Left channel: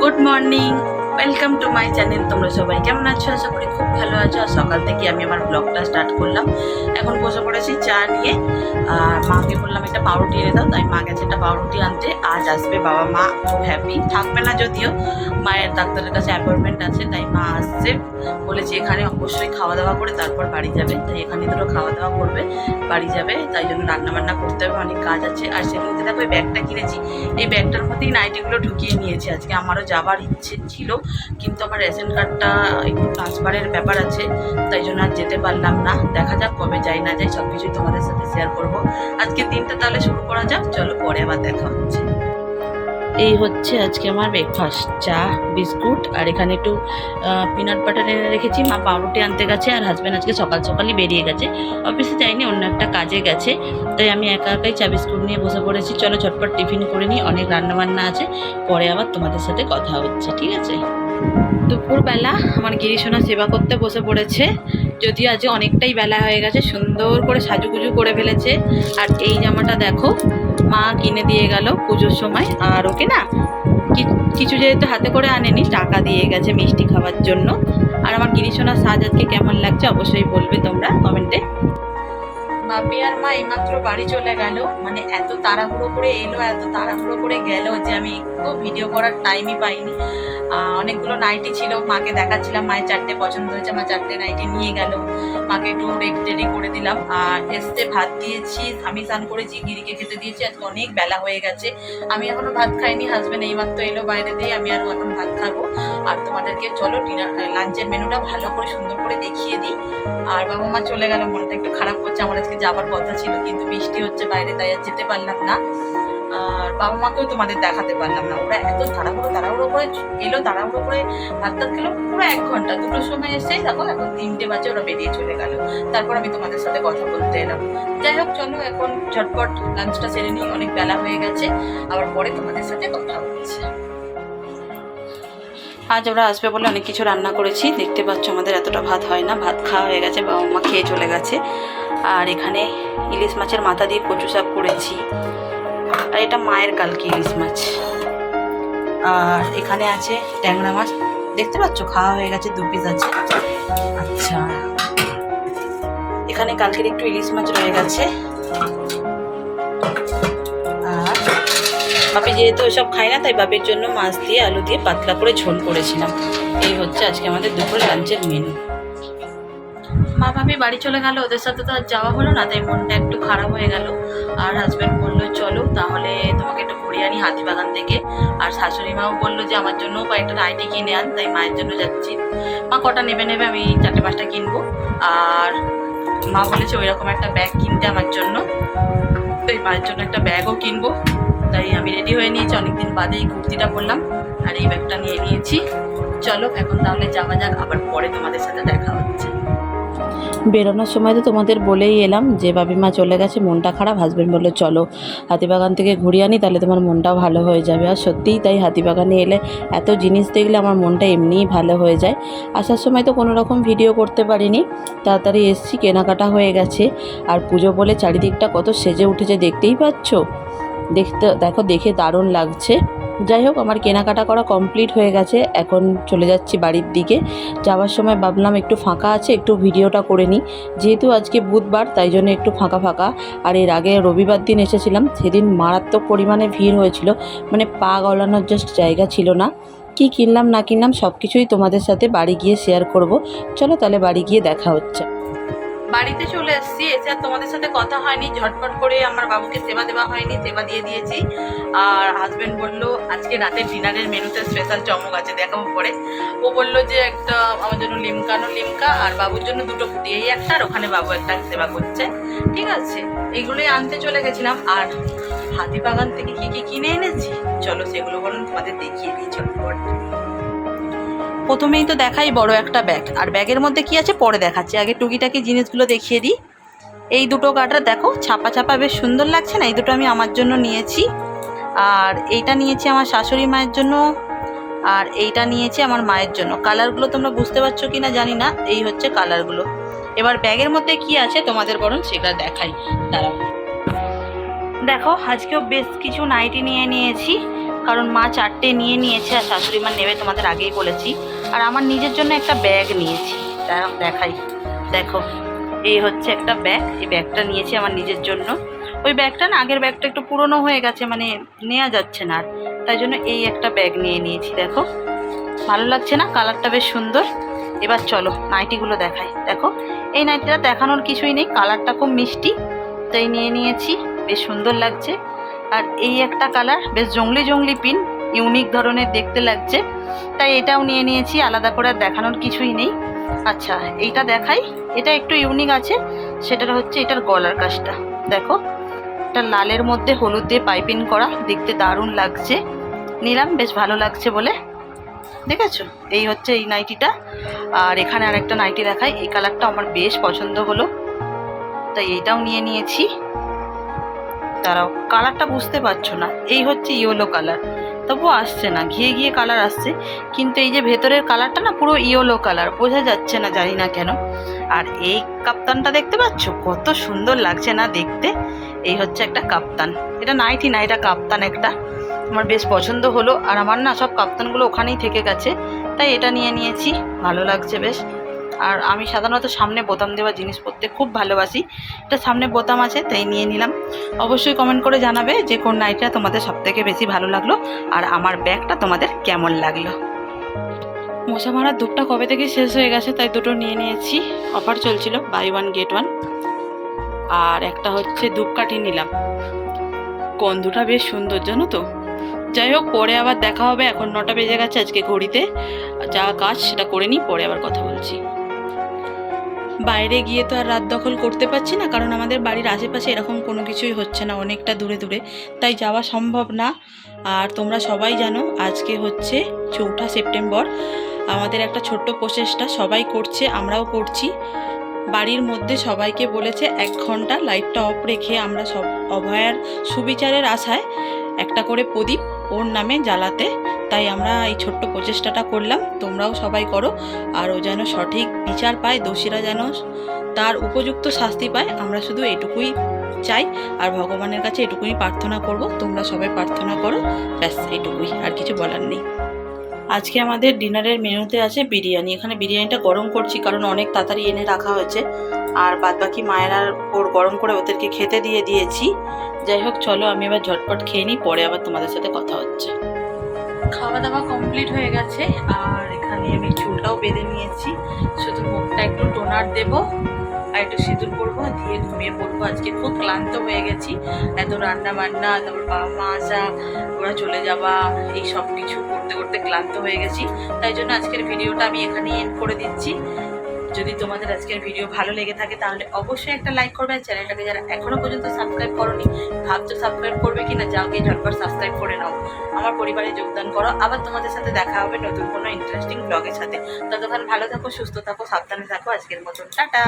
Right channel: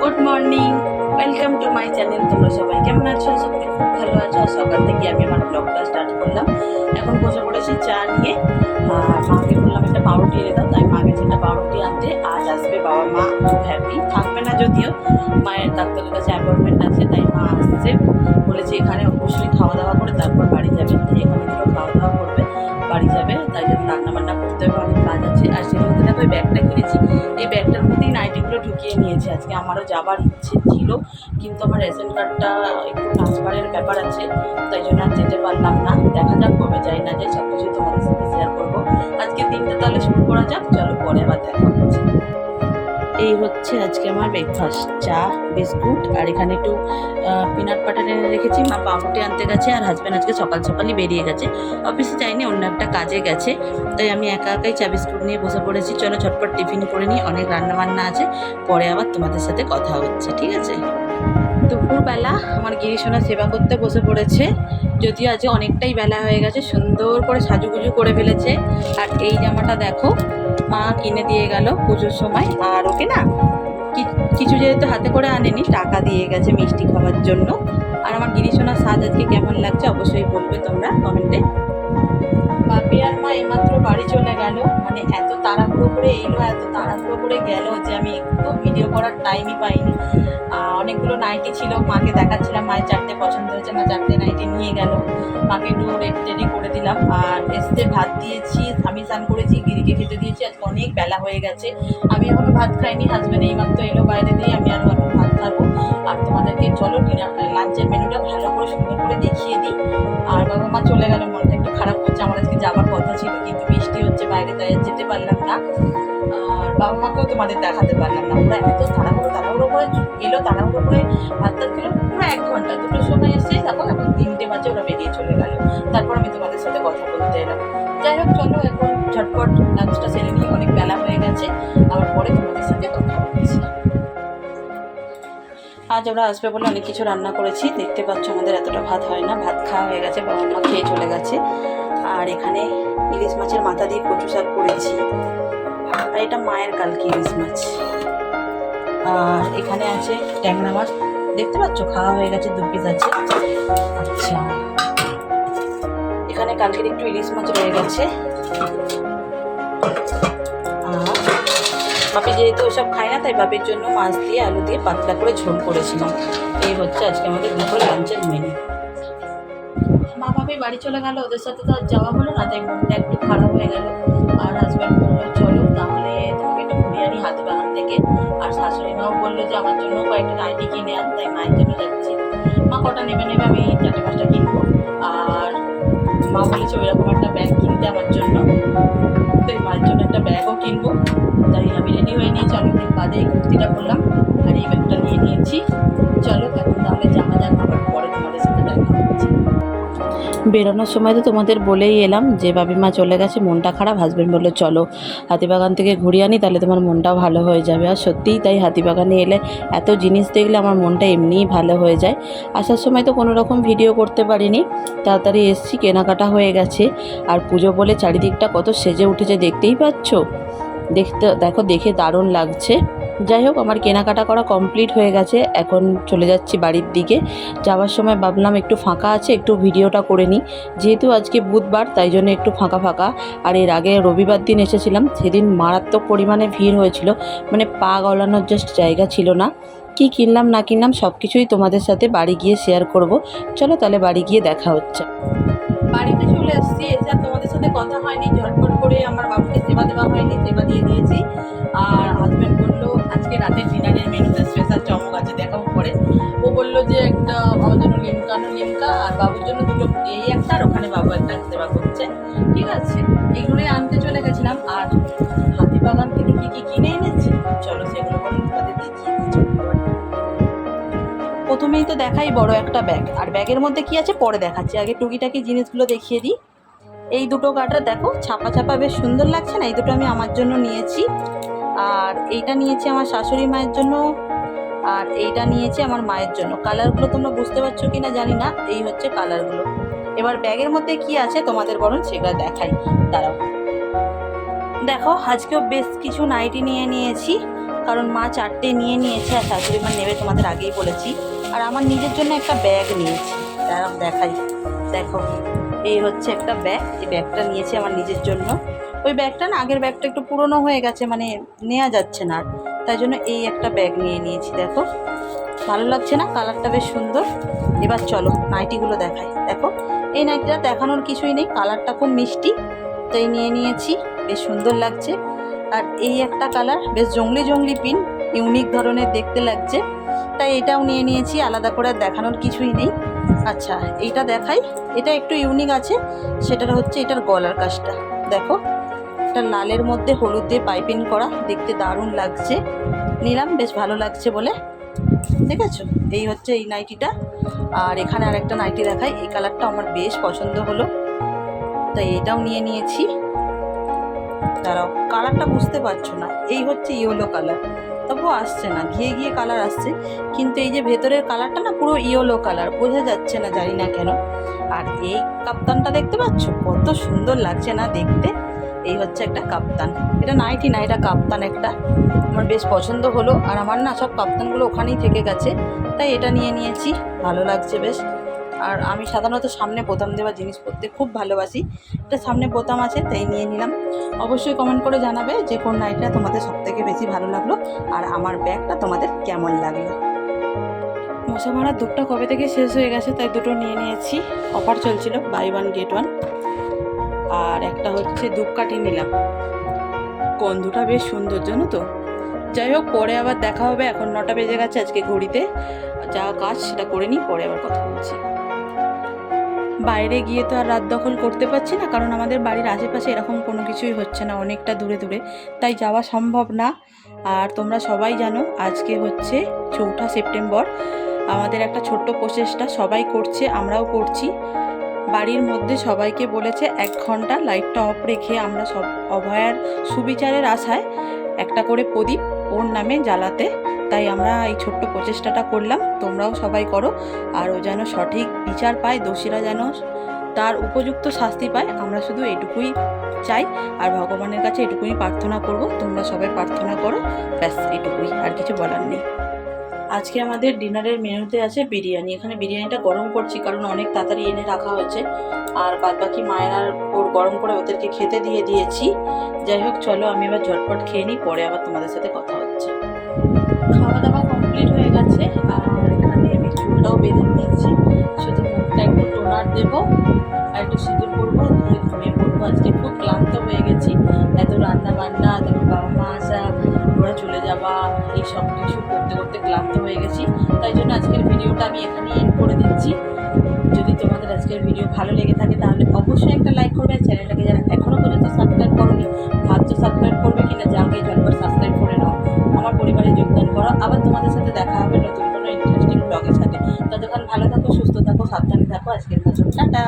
Good morning Welcome to my channel তোমরা সবাই কেমন আছো? আশা করি খুব ভালো আছো। আর সকাল থেকে আমি আমার ব্লগটা স্টার্ট করলাম। এখন বসে পড়েছি চা নিয়ে। আর মাকে বললাম, একটা পাউরুটি এনে দাও। তাই মা গেছে একটা পাউরুটি আনতে। আজ আসবে বাবা মা খুব হ্যাপি থাকবে না যদিও। মায়ের ডাক্তারের কাছে অ্যাপয়েন্টমেন্ট আছে, তাই মা আসছে। বলেছে এখানে অবশ্যই খাওয়া দাওয়া করে তারপর বাড়ি যাবে। তাই এখানে দুটো খাওয়া দাওয়া করবে, বাড়ি যাবে। তাই জন্য রান্নাবান্না করতে হবে, অনেক কাজ আছে। আর সেগুলোতে দেখো, এই ব্যাগটা কিনেছি। এই ব্যাগটার মধ্যেই নাইটিগুলো ঢুকিয়ে নিয়েছি। আজকে আমারও যাবার ইচ্ছে ছিল। কিন্তু আমার রেশন কার্ডটা একটু ট্রান্সফারের ব্যাপার আছে, তাই জন্য আর যেতে পারলাম না। দেখা যাক কবে যাই না যাই সব কিছুই তোমাদের সাথে শেয়ার করব। আজকে দিনটা তাহলে শুরু করা যাক, চলো পরে আবার দেখা হচ্ছে। এই হচ্ছে আজকে আমার ব্রেকফাস্ট চা, বিস্কুট, আর এখানে একটু পিনাট বাটার এনে রেখেছি। মা পাউরুটি আনতে গেছে, আর হাজব্যান্ড আজকে সকাল সকালই বেরিয়ে গেছে। অফিসে যাইনি, অন্য একটা কাজে গেছে। তাই আমি একা একাই চা, বিস্কুট নিয়ে বসে পড়েছি। চলো ঝটপট টিফিন করে নিই, অনেক রান্নাবান্না আছে। পরে আবার তোমাদের সাথে কথা হচ্ছে, ঠিক আছে? দুপুরবেলা আমার গিরিশোনা সেবা করতে বসে পড়েছে। যদিও আজ অনেকটাই বেলা হয়ে গেছে, সুন্দর করে সাজুগুজু করে ফেলেছে। আর এই জামাটা দেখো, মা কিনে দিয়ে গেল পুজোর সময়। আর ওকে না কিছু যেহেতু হাতে করে আনেনি, টাকা দিয়ে গেছে মিষ্টি খাওয়ার জন্য। আর আমার গিরিশোনার সাজ আজকে কেমন লাগছে অবশ্যই বলবে তোমরা কমেন্টে। বাপি আর মা এইমাত্র বাড়ি চলে গেল। মানে এত তাড়াহুড়ো করে এলো, এত তাড়াহুড়ো করে গেল যে আমি একটু ভিডিও করার টাইমই পাইনি। অনেকগুলো নাইটি ছিল, মাকে দেখাচ্ছিলাম, মায়ের চারটে পছন্দ হয়েছে, মা চারটে নাইটি নিয়ে গেল। মাকে একটু রেডি টেডি করে দিলাম। আর এসতে ভাত দিয়েছি আমি স্নান করেছি, গিরিকে খেতে দিয়েছি, আজকে অনেক বেলা হয়ে গেছে। আমি এখনও ভাত খাইনি হাজব্যান্ড এইমাত্র এলো বাইরে দিয়ে, আমি আরও এখন ভাত খাব। আর তোমাদেরকে চলো ডিনার লাঞ্চের মেনুটা ভালো করে সুন্দর করে দেখিয়ে দিই। আর বাবা মা চলে গেল, মনটা একটু খারাপ করছে, আমার আজকে যাবার কথা ছিল, কিন্তু বৃষ্টি হচ্ছে বাইরে, তাই আর যেতে পারলাম না। আর বাবা মাকেও তোমাদের দেখাতে পারলাম না। ওরা এত তাড়াহুড়ো তাড়াহুড়ো করে এলো, তাড়াহুড়ো করে ভাত টাত খেলো, পুরো এক ঘণ্টা। দুটোর সময় এসে দেখো, এখন তিনটে বাজে, ওরা বেরিয়ে চলে গেল। তারপর আমি তোমাদের সাথে কথা বলতে এলাম। যাই হোক, চলো এখন ঝটপট লাঞ্চটা সেরে নিই। অনেক বেলা হয়ে গেছে, আবার পরে তোমাদের সাথে কথা বলছি। আজ ওরা আসবে বলে অনেক কিছু রান্না করেছি। দেখতে পাচ্ছ আমাদের এতটা ভাত হয় না। ভাত খাওয়া হয়ে গেছে, বাবা মা খেয়ে চলে গেছে। আর এখানে ইলিশ মাছের মাথা দিয়ে কচু শাক করেছি। আর এটা মায়ের কালকে ইলিশ মাছ। আর এখানে আছে ট্যাংরা মাছ। দেখতে পাচ্ছ? খাওয়া হয়ে গেছে, দু পিস আছে। আচ্ছা। এখানে কালকের একটু ইলিশ মাছ রয়ে গেছে। আর বাপি যেহেতু ওসব খায় না, তাই বাপির জন্য মাছ দিয়ে, আলু দিয়ে পাতলা করে ঝোল করেছিলাম। এই হচ্ছে আজকে আমাদের দুপুর লাঞ্চের মেনু মা ভাবি বাড়ি চলে গেল, ওদের সাথে তো আর যাওয়া হলো না, তাই মনটা একটু খারাপ হয়ে গেল। আর হাজব্যান্ড বলল, চলো, তাহলে তোমাকে একটু ঘুরিয়ে আনি হাতিবাগান থেকে। আর শাশুড়ি মাও বলল যে, আমার জন্যও কয়েকটা নাইটি কিনে আন, তাই মায়ের জন্য যাচ্ছি। মা কটা নেবে নেবে আমি চারটে পাঁচটা কিনবো। আর মা বলেছে ওই রকম একটা ব্যাগ কিনতে আমার জন্য। তাই মায়ের জন্য একটা ব্যাগও কিনবো। তাই আমি রেডি হয়ে নিয়েছি। অনেকদিন বাদে এই কুর্তিটা পরলাম, আর এই ব্যাগটা নিয়ে নিয়েছি। চলো, এখন তাহলে যাওয়া যাক, আবার পরে তোমাদের সাথে দেখা হচ্ছে। বেরোনোর সময় তো তোমাদের বলেই এলাম যে বাবিমা চলে গেছে, মনটা খারাপ হাজব্যান্ড বলল, চলো, হাতিবাগান থেকে ঘুরিয়ে আনি, তাহলে তোমার মনটাও ভালো হয়ে যাবে। আর সত্যিই তাই হাতিবাগানে এলে এত জিনিস দেখলে আমার মনটা এমনিই ভালো হয়ে যায়। আসার সময় তো কোনো রকম ভিডিও করতে পারিনি। তাড়াতাড়ি এসছি, কেনাকাটা হয়ে গেছে। আর পুজো বলে চারিদিকটা কত সেজে উঠেছে, দেখতেই পাচ্ছ? দেখতে, দেখো, দেখে দারুণ লাগছে। যাই হোক, আমার কেনাকাটা করা কমপ্লিট হয়ে গেছে। এখন চলে যাচ্ছি বাড়ির দিকে। যাওয়ার সময় ভাবলাম একটু ফাঁকা আছে, একটু ভিডিওটা করে নিই। যেহেতু আজকে বুধবার, তাই জন্য একটু ফাঁকা ফাঁকা। আর এর আগে রবিবার দিন এসেছিলাম, সেদিন মারাত্মক পরিমাণে ভিড় হয়েছিল। মানে পা গলানোর জাস্ট জায়গা ছিল না। কি কিনলাম, না কিনলাম সব কিছুই তোমাদের সাথে বাড়ি গিয়ে শেয়ার করব। চলো তাহলে বাড়ি গিয়ে দেখা হচ্ছে। বাড়িতে চলে এসেছি। এসে আর তোমাদের সাথে কথা হয়নি, ঝটপট করে আমার বাবুকে সেবা দেওয়া হয়নি, সেবা দিয়ে দিয়েছি। আর হাজব্যান্ড বলল, আজকে রাতের ডিনারের মেনুতে স্পেশাল চমক আছে, দেখাবো পরে। ও বলল যে একটা আমার জন্য লিমকানো লিমকা, আর বাবুর জন্য দুটো ফুটি এই একটা, আর ওখানে বাবু একটা সেবা করছে। ঠিক আছে? এগুলোই আনতে চলে গেছিলাম। আর হাতিবাগান থেকে কী কী কিনে এনেছি? চলো সেগুলো বলুন তোমাদের দেখিয়ে দিই চটপট প্রথমেই তো দেখাই বড় একটা ব্যাগ আর ব্যাগের মধ্যে কি আছে? পরে দেখাচ্ছি। আগে টুকিটাকি জিনিসগুলো দেখিয়ে দিই। এই দুটো গাটার দেখো, ছাপা ছাপা বেশ সুন্দর লাগছে না? এই দুটো আমি আমার জন্য নিয়েছি। আর এইটা নিয়েছি আমার শাশুড়ি মায়ের জন্য। আর এইটা নিয়েছি আমার মায়ের জন্য। কালারগুলো তোমরা বুঝতে পারছ কি না জানি না। এই হচ্ছে কালারগুলো এবার ব্যাগের মধ্যে কি আছে তোমাদের বরং সেগুলো দেখাই। দাঁড়াও। দেখো, আজকেও বেশ কিছু নাইটি নিয়ে নিয়েছি। কারণ মা চারটে নিয়ে নিয়েছে আর শাশুড়ি মা নেবে তোমাদের আগেই বলেছি। আর আমার নিজের জন্য একটা ব্যাগ নিয়েছি। দেখাই। দেখো, এই হচ্ছে একটা ব্যাগ। এই ব্যাগটা নিয়েছি আমার নিজের জন্য। ওই ব্যাগটা না, আগের ব্যাগটা একটু পুরনো হয়ে গেছে মানে নেওয়া যাচ্ছে না আর। তাই জন্য এই একটা ব্যাগ নিয়ে নিয়েছি, দেখো। ভালো লাগছে না? কালারটা বেশ সুন্দর। এবার চলো, নাইটিগুলো দেখাই। দেখো, এই নাইটিটা দেখানোর কিছুই নেই। কালারটা খুব মিষ্টি। তাই নিয়ে নিয়েছি। বেশ সুন্দর লাগছে। আর এই একটা কালার, বেশ জঙ্গলি জঙ্গলি পিন ইউনিক ধরনের দেখতে লাগছে। তাই এটাও নিয়ে নিয়েছি, আলাদা করে আর দেখানোর কিছুই নেই। আচ্ছা এইটা দেখাই। এটা একটু ইউনিক আছে, সেটার হচ্ছে এটার গলার কাজটা। দেখো, এটা লালের মধ্যে হলুদ দিয়ে পাইপিং করা, দেখতে দারুণ লাগছে। নিলাম, বেশ ভালো লাগছে বলে। দেখেছ? এই হচ্ছে এই নাইটিটা আর এখানে আরেকটা নাইটি দেখাই, এই কালারটা আমার বেশ পছন্দ হলো। তাই এইটাও নিয়ে নিয়েছি। তারাও কালারটা বুঝতে পারছ না। এই হচ্ছে ইয়েলো কালার তবুও আসছে না, ঘিয়ে গিয়ে কালার আসছে। কিন্তু এই যে ভেতরের কালারটা না, পুরো ইয়েলো কালার বোঝা যাচ্ছে না, জানি না কেন। আর এই কাপ্তানটা দেখতে পাচ্ছ? কত সুন্দর লাগছে না দেখতে। এই হচ্ছে একটা কাপ্তান। এটা নাইটি না, এটা কাপ্তান একটা। আমার বেশ পছন্দ হলো। আর আমার না সব কাপ্তানগুলো ওখানেই থেকে গেছে। তাই এটা নিয়ে নিয়েছি। ভালো লাগছে বেশ। আর আমি সাধারণত সামনে বোতাম দেওয়া জিনিস পরতে খুব ভালোবাসি। এটা সামনে বোতাম আছে, তাই নিয়ে নিলাম। অবশ্যই কমেন্ট করে জানাবে যে কোন নাইটটা তোমাদের সবথেকে বেশি ভালো লাগল আর আমার ব্যাগটা তোমাদের কেমন লাগল। মশা মারার ধূপটা কবে থেকে শেষ হয়ে গেছে তাই দুটো নিয়ে নিয়েছি। অফার চলছিল বাই ওয়ান গেট ওয়ান আর একটা হচ্ছে ধূপকাঠি নিলাম। গন্ধটা বেশ সুন্দর, জানো তো? যাই হোক, পরে আবার দেখা হবে। এখন নটা বেজে গেছে আজকে ঘড়িতে। যা কাজ সেটা করে নিই, পরে আবার কথা বলছি। বাইরে গিয়ে তো আর রাত দখল করতে পারছি না, কারণ আমাদের বাড়ির আশেপাশে এরকম কোনো কিছুই হচ্ছে না, অনেকটা দূরে দূরে। তাই যাওয়া সম্ভব না। আর তোমরা সবাই জানো, আজকে হচ্ছে চৌঠা সেপ্টেম্বর। আমাদের একটা ছোট্ট প্রচেষ্টা, সবাই করছে, আমরাও করছি। বাড়ির মধ্যে সবাইকে বলেছে, এক ঘণ্টা লাইটটা অফ রেখে আমরা সব অভয়ার সুবিচারের আশায় একটা করে প্রদীপ ওর নামে জ্বালাতে। তাই আমরা এই ছোট্ট প্রচেষ্টাটা করলাম। তোমরাও সবাই করো। আর ও যেন সঠিক বিচার পায়, দোষীরা যেন তার উপযুক্ত শাস্তি পায়, আমরা শুধু এটুকুই চাই। আর ভগবানের কাছে এটুকুই প্রার্থনা করব, তোমরা সবাই প্রার্থনা করো। ব্যাস, এটুকুই। আর কিছু বলার নেই। আজকে আমাদের ডিনারের মেনুতে আছে বিরিয়ানি। এখানে বিরিয়ানিটা গরম করছি কারণ অনেক তাড়াতাড়ি এনে রাখা হয়েছে। আর বাদবাকি মায়েরার ওর গরম করে ওদেরকে খেতে দিয়ে দিয়েছি। যাই হোক, চলো আমি এবার ঝটপট খেয়ে নিই, পরে আবার তোমাদের সাথে কথা হচ্ছে। খাওয়া দাওয়া কমপ্লিট হয়ে গেছে, আর এখানে আমি চুলটাও বেঁধে নিয়েছি। শুধু মুখটা একটু টোনার দেব। আর একটু সিঁদুর পরবো, দিয়ে ঘুমিয়ে পড়ব। আজকে খুব ক্লান্ত হয়ে গেছি। এত রান্না বান্না, তারপর বাবা মা আসা, ওরা চলে যাওয়া, এই সব কিছু করতে করতে ক্লান্ত হয়ে গেছি। তাই জন্য আজকের ভিডিওটা আমি এখানেই এন্ড করে দিচ্ছি। যদি তোমাদের আজকের ভিডিও ভালো লেগে থাকে, তাহলে অবশ্যই একটা লাইক করবে আর চ্যানেলটাকে যারা এখনও পর্যন্ত সাবস্ক্রাইব করোনি, ভাবছ সাবস্ক্রাইব করবে কি না যাও যাকে ঝটপট সাবস্ক্রাইব করে নাও। আমার পরিবারে যোগদান করো। আবার তোমাদের সাথে দেখা হবে নতুন কোনো ইন্টারেস্টিং ব্লগের সাথে। ততক্ষণ ভালো থাকো, সুস্থ থাকো, সাবধানে থাকো। আজকের মতন, টাটা!